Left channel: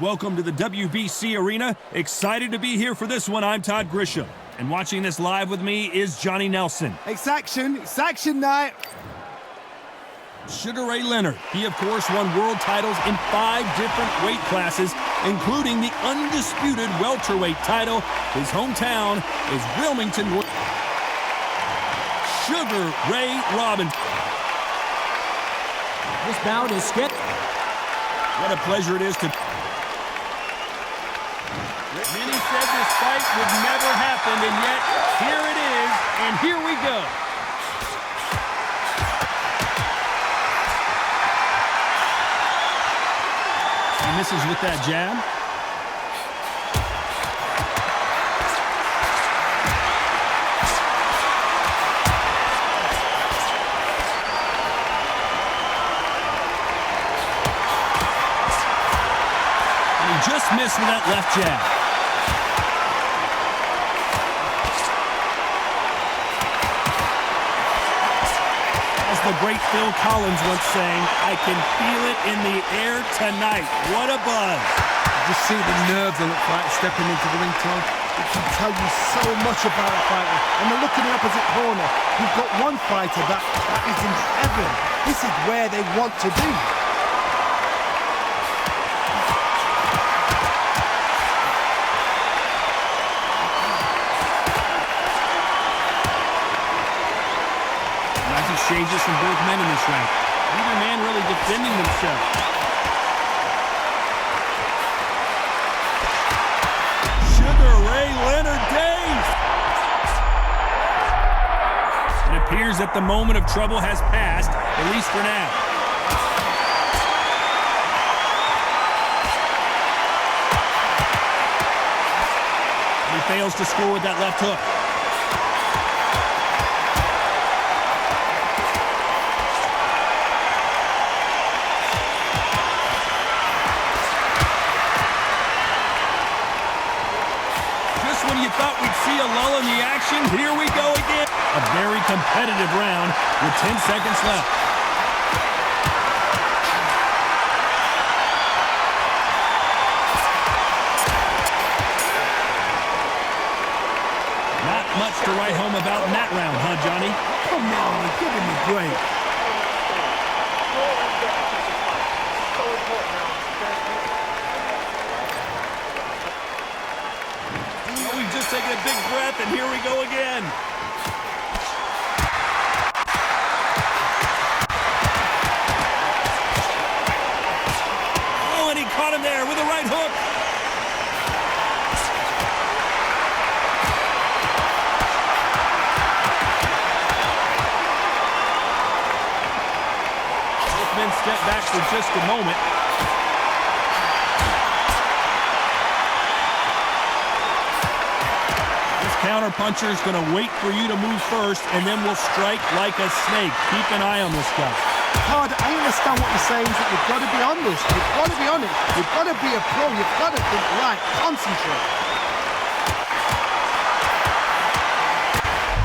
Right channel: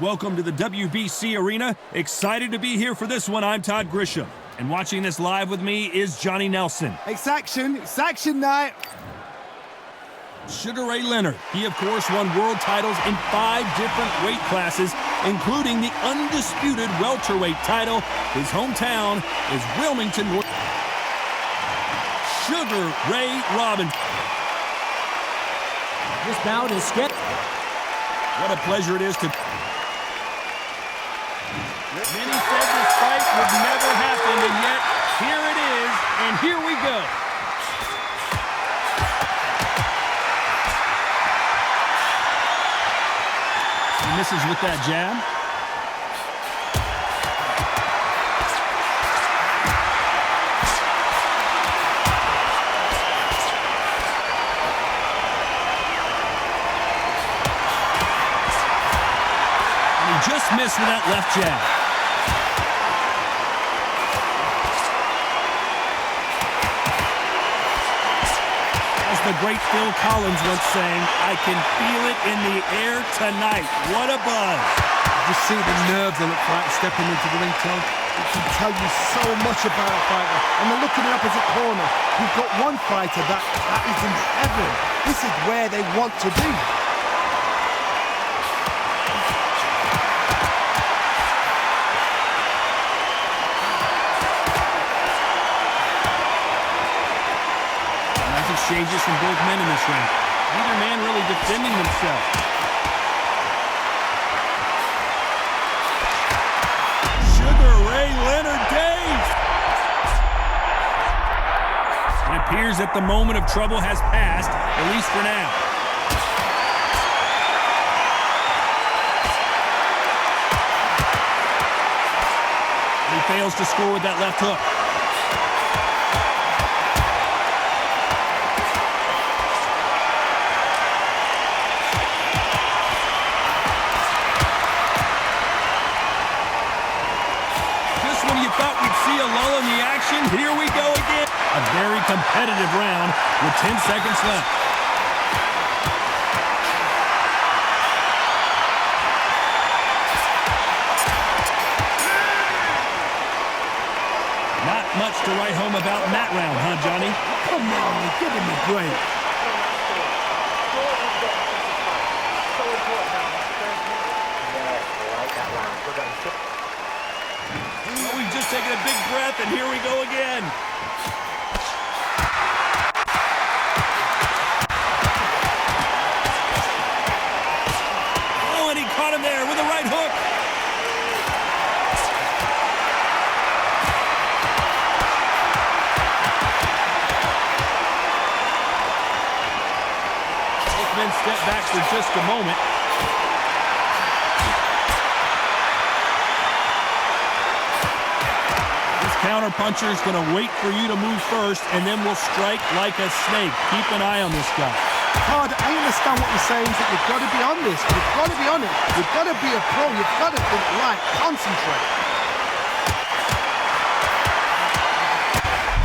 Welcome to the WBC Arena. Excited to be here for this one. I'm Todd Grisham. And watching this live with me is Johnny Nelson. It's action night. Sugar Ray Leonard. He, of course, won world titles in 5 different weight classes, including the undisputed welterweight title. His hometown is Wilmington, North. Sugar Ray Robinson. This bout is scheduled. What a pleasure it is to... Many said this fight would never happen, and yet here it is, and here we go. He misses with that jab. And he just missed with that left jab. The great Phil Collins once saying, I can feel it in the air tonight. What a buzz. Just see the nerves on the fight stepping into the ring, Tom. It can tell you so much about a fighter. And then look at the opposite corner. You've got one fighter that is in heaven. This is where they want to be. Exchanges from both men in this round. Neither man really defending themselves. Sugar Ray Leonard dazed. It appears that the moment of trouble has passed, at least for now. And he fails to score with that left hook. When you thought we'd see a lull in the action, here we go again. A very competitive round with 10 seconds left. Not much to write home about in that round, huh, Johnny? Come on, give him a break. We've just taken a big breath, and here we go again. Oh, and he caught him there with a right hook. Both men step back for just a moment. Counter-puncher is going to wait for you to move first, and then will strike like a snake. Keep an eye on this guy. Todd, I understand what you're saying, but you've got to be honest. You've got to be on it. You've got to be a pro. You've got to think right. Concentrate.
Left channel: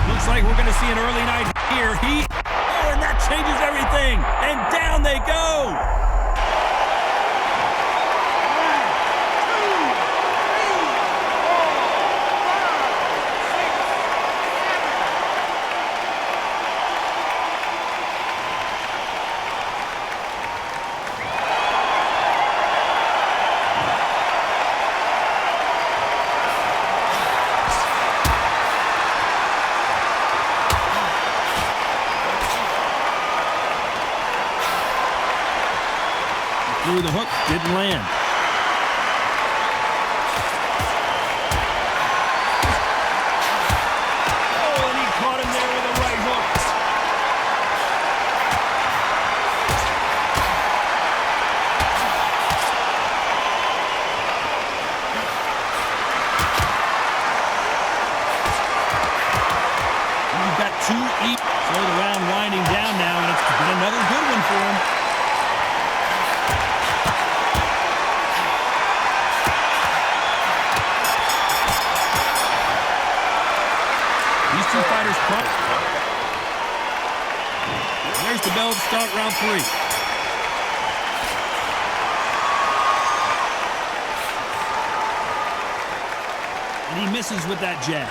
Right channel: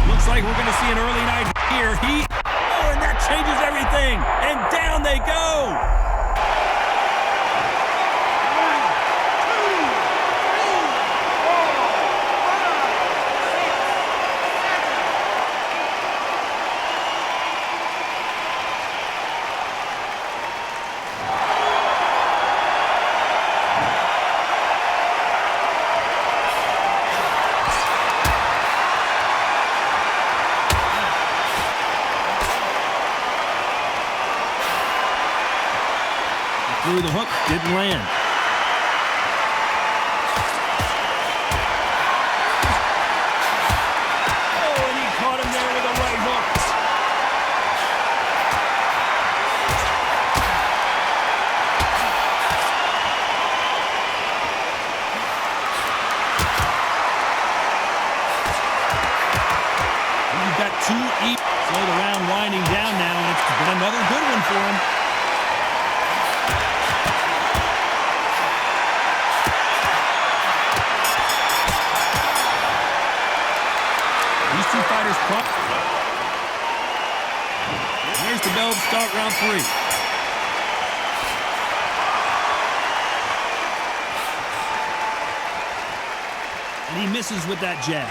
Looks like we're going to see an early night here. Oh, and that changes everything. And down they go. Through the hook, didn't land. Oh, and he caught him there with a right hook. You've got 2 each. So the round winding down now, and it's been another good one for him. These two fighters punch. There's the bell to start round 3. He misses with that jab.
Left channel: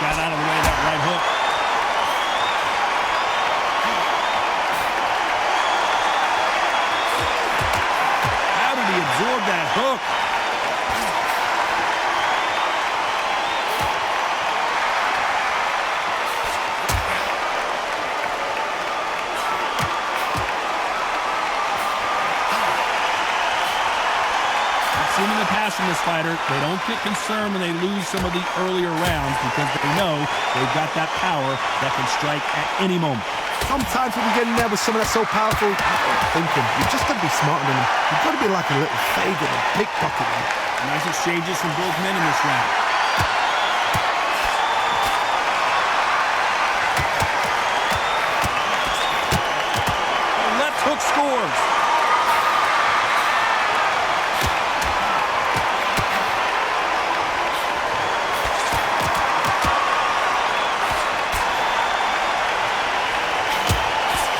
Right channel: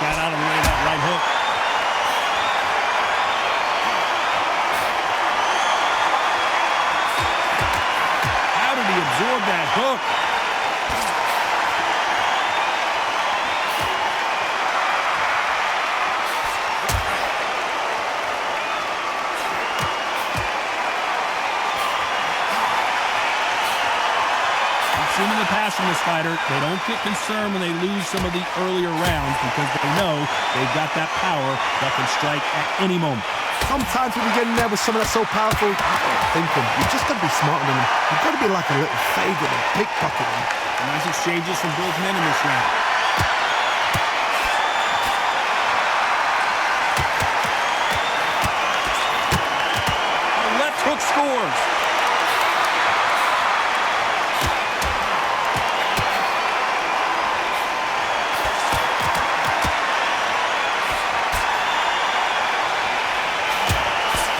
Got out of the way of that right hook. How did he absorb that hook? Seen in the past from this fighter, they don't get concerned when they lose some of the earlier rounds because they know they've got that power that can strike at any moment. Sometimes when you get in there with someone that's so powerful, thinking, you've just got to be smarter than them. You've got to be like a little faggot and pickpocket them. Nice exchanges from both men in this round. The left hook scores.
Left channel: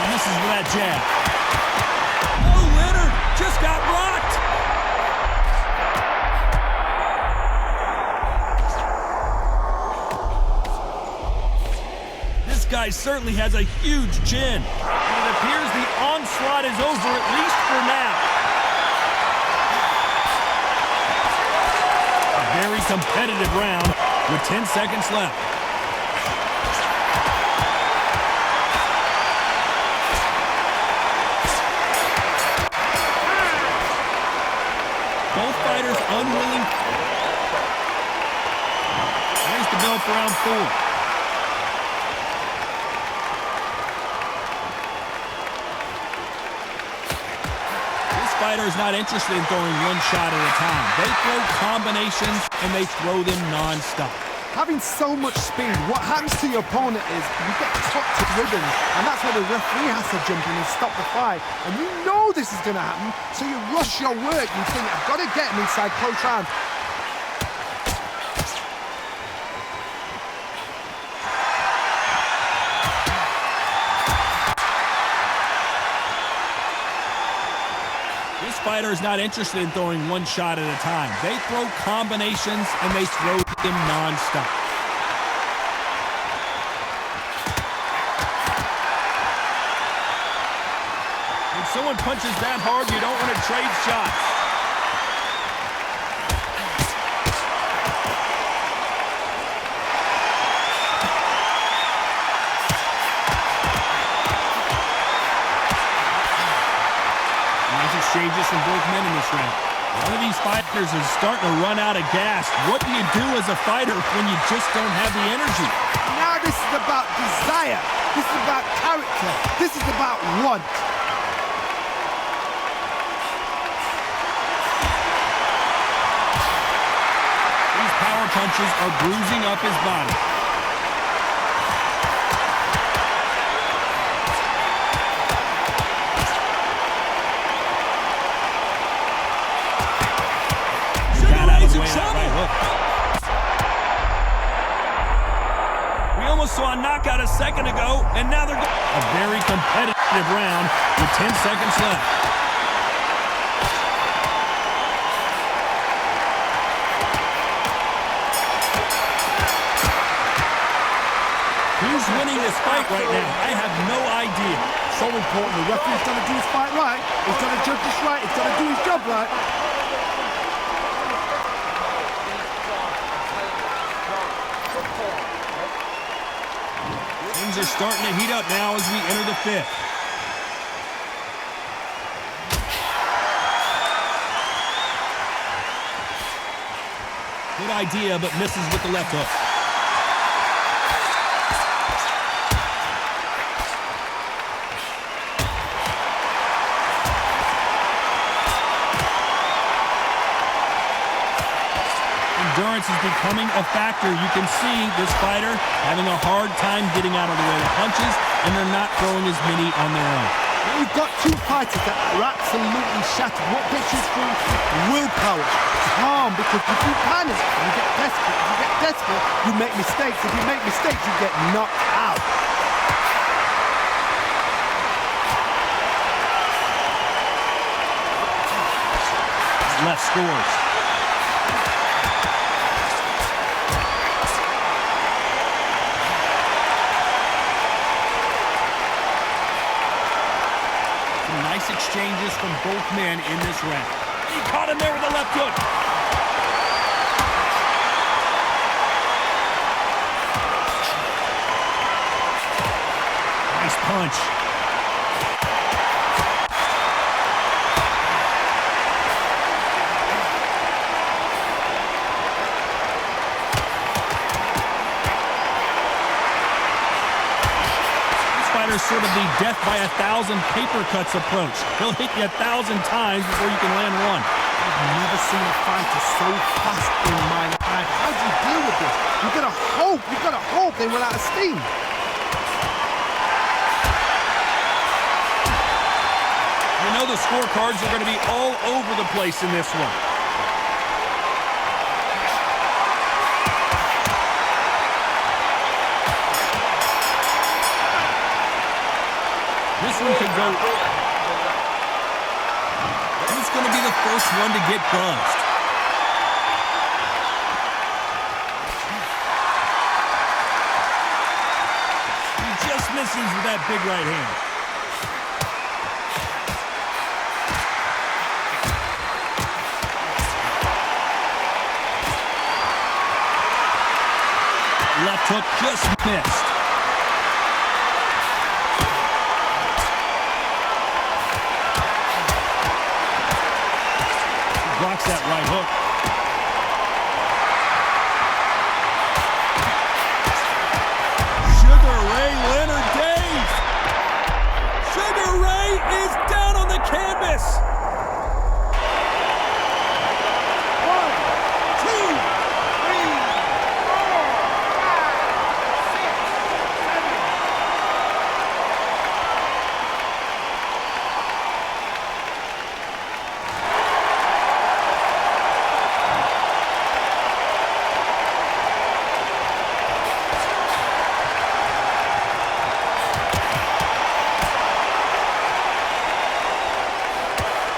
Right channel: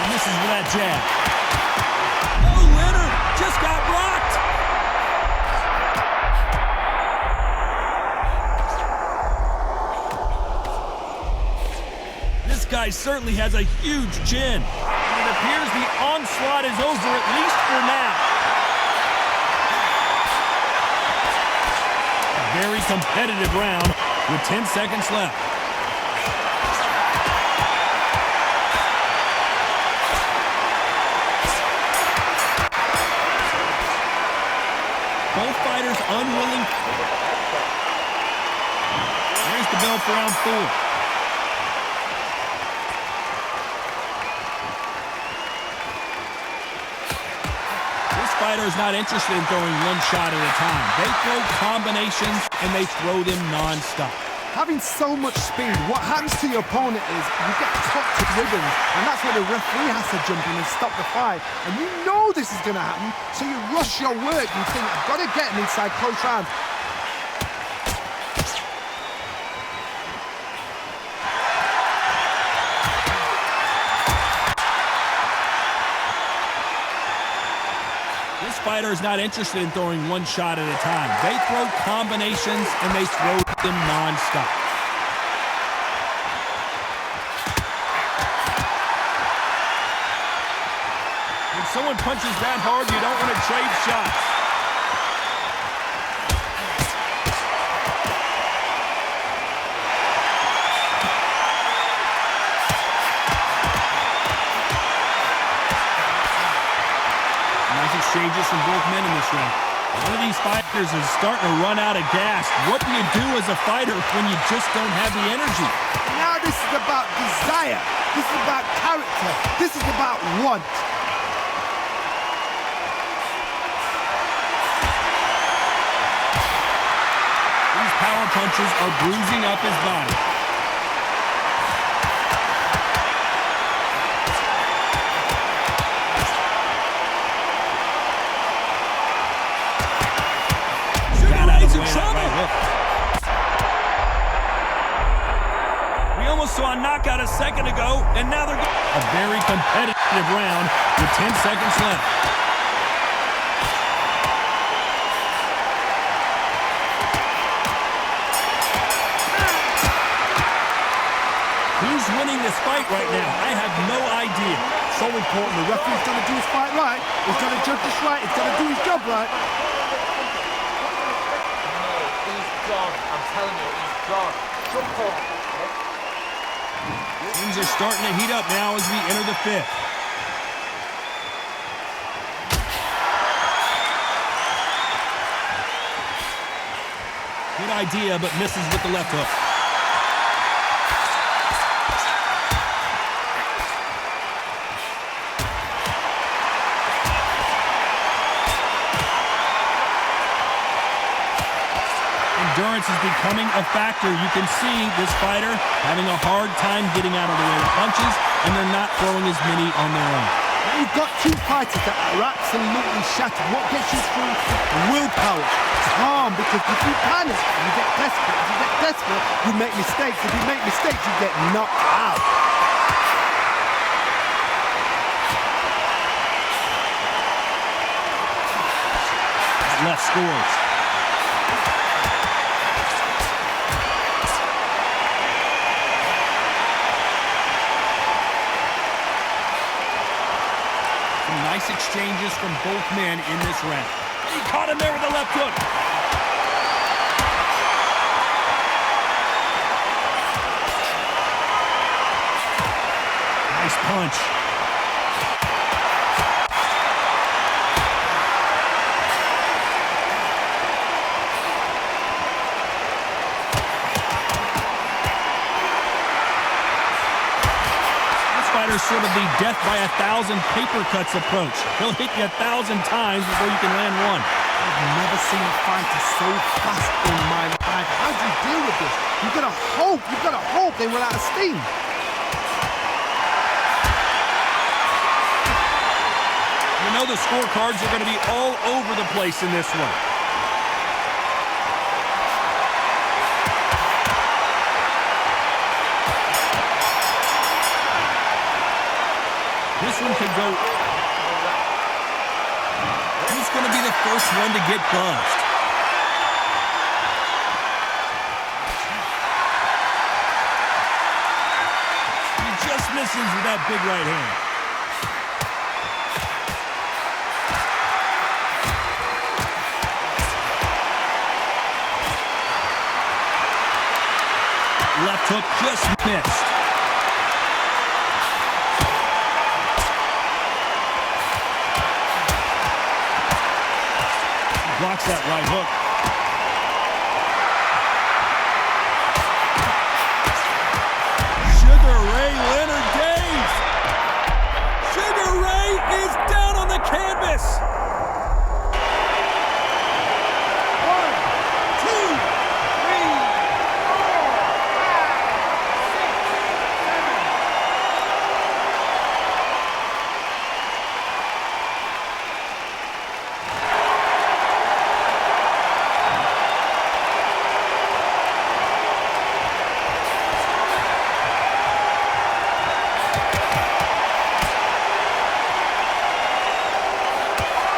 Misses with that jab. Oh, Leonard just got rocked. This guy certainly has a huge chin. And it appears the onslaught is over, at least for now. A very competitive round with 10 seconds left. Both fighters unwilling. There's the bell for round 4. This fighter is not interested in throwing one shot at a time. They throw combinations and they throw them non-stop. Having so much speed, what happens to your opponent is you get cut to ribbons, and that's where the referee has to jump in and stop the fight. And you know this is going to happen, so you rush your work. You think, I've got to get him inside close rounds. This fighter is not interested in throwing one shot at a time. They throw combinations and they throw them non-stop. When someone punches that hard, you don't want to trade shots. Exchanges from both men in this round. One of these fighters is starting to run out of gas. What do you do as a fighter when you just don't have the energy? Now this is about desire. This is about character. This is about want. These power punches are bruising up his body. Right hook. We almost saw a knockout a second ago, and now they're going. A very competitive round with 10 seconds left. Who's winning this fight right now? I have no idea. So important. The referee's got to do his fight right. He's got to judge this right. He's got to do his job right. Things are starting to heat up now as we enter the 5th. Good idea, but misses with the left hook. Endurance is becoming a factor. You can see this fighter having a hard time getting out of the way of punches, and they're not throwing as many on their own. You've got two fighters that are absolutely shattered. What gets you through? Willpower. Calm, because if you panic, you get desperate. If you get desperate, you make mistakes. If you make mistakes, you get knocked out. Left scores. Some nice exchanges from both men in this round. He caught him there with a left hook. Nice punch. Fighter's sort of the death by 1,000 paper cuts approach. He'll hit you 1,000 times before you can land one. I've never seen a fighter so fast in my life. How do you deal with this? You've got to hope they run out of steam. You know the scorecards are going to be all over the place in this one. This one could go. Who's going to be the first one to get buzzed? He just misses with that big right hand. Left hook just missed. Blocks that right hook. Sugar Ray Leonard dazed. Sugar Ray is down on the canvas. 1, 2, 3, 4, 5, 6, 7.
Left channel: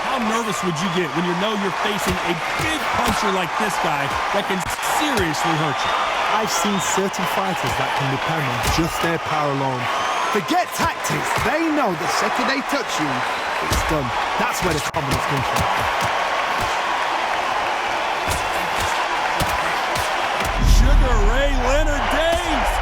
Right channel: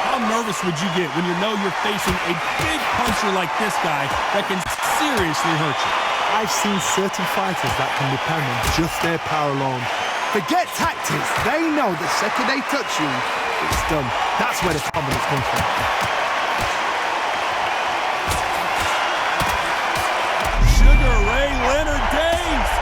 How nervous would you get when you know you're facing a big puncher like this guy that can seriously hurt you? I've seen certain fighters that can depend on just their power alone. Forget tactics. They know the second they touch you, it's done. That's where the confidence comes from. Sugar Ray Leonard dazed.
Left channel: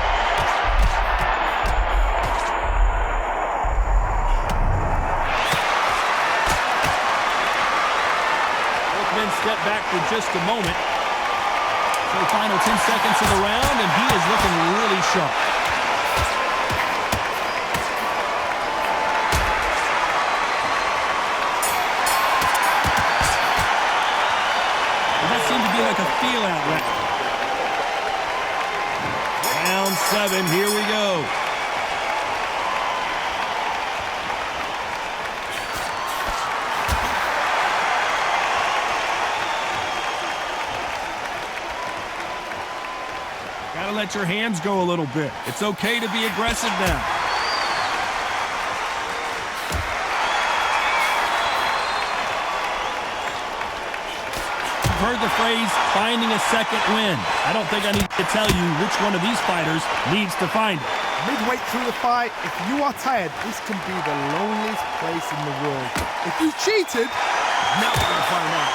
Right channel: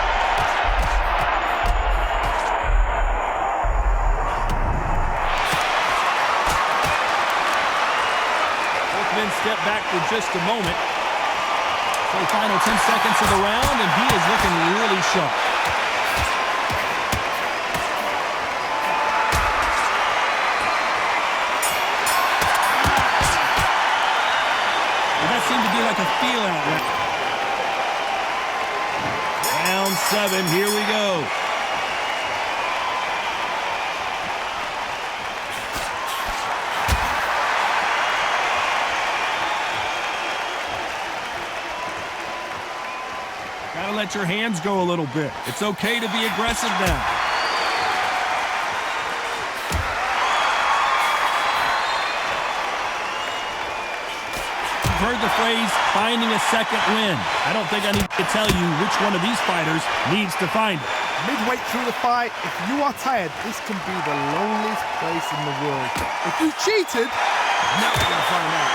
Both men step back for just a moment. So final 10 seconds of the round, and he is looking really sharp. Well, that seemed to be like a feel-out round. Round 7, here we go. Gotta let your hands go a little bit. It's okay to be aggressive now. You've heard the phrase, finding a second win. I don't think I need to tell you which one of these fighters needs to find it. Midway through the fight, if you are tired, this can be the loneliest place in the world. If you cheated, now we're going to find out.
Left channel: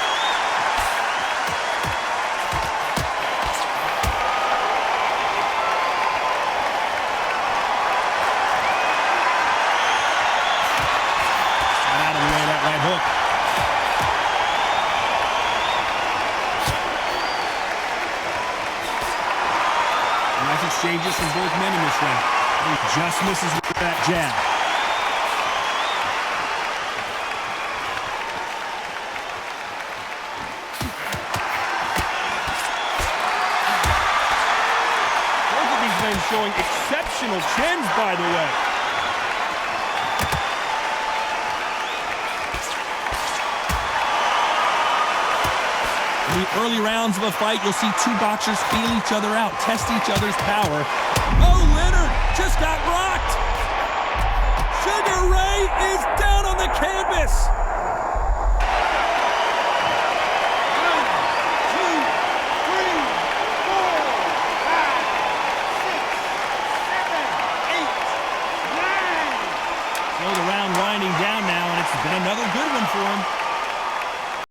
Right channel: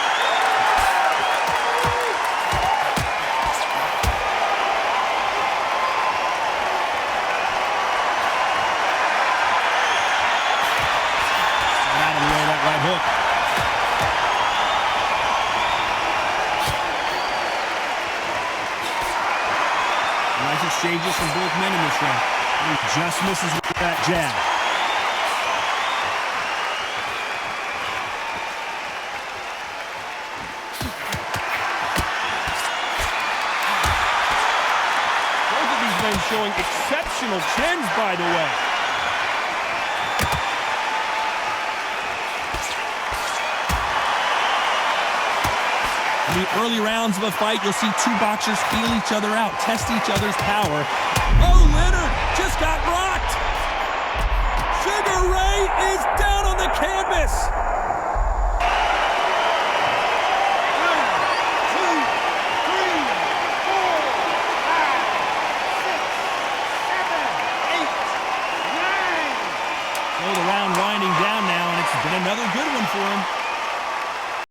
Out of the way, that right hook. Nice exchanges from both men in this round. He just misses with that jab. Both of these men showing exceptional chins, by the way. In the early rounds of a fight, you'll see two boxers feel each other out, test each other's power. Oh, Leonard just got rocked. Sugar Ray is down on the canvas. 1, 2, 3, 4, 5, 6, 7, 8, 9. So the round winding down now, and it's been another good one for him.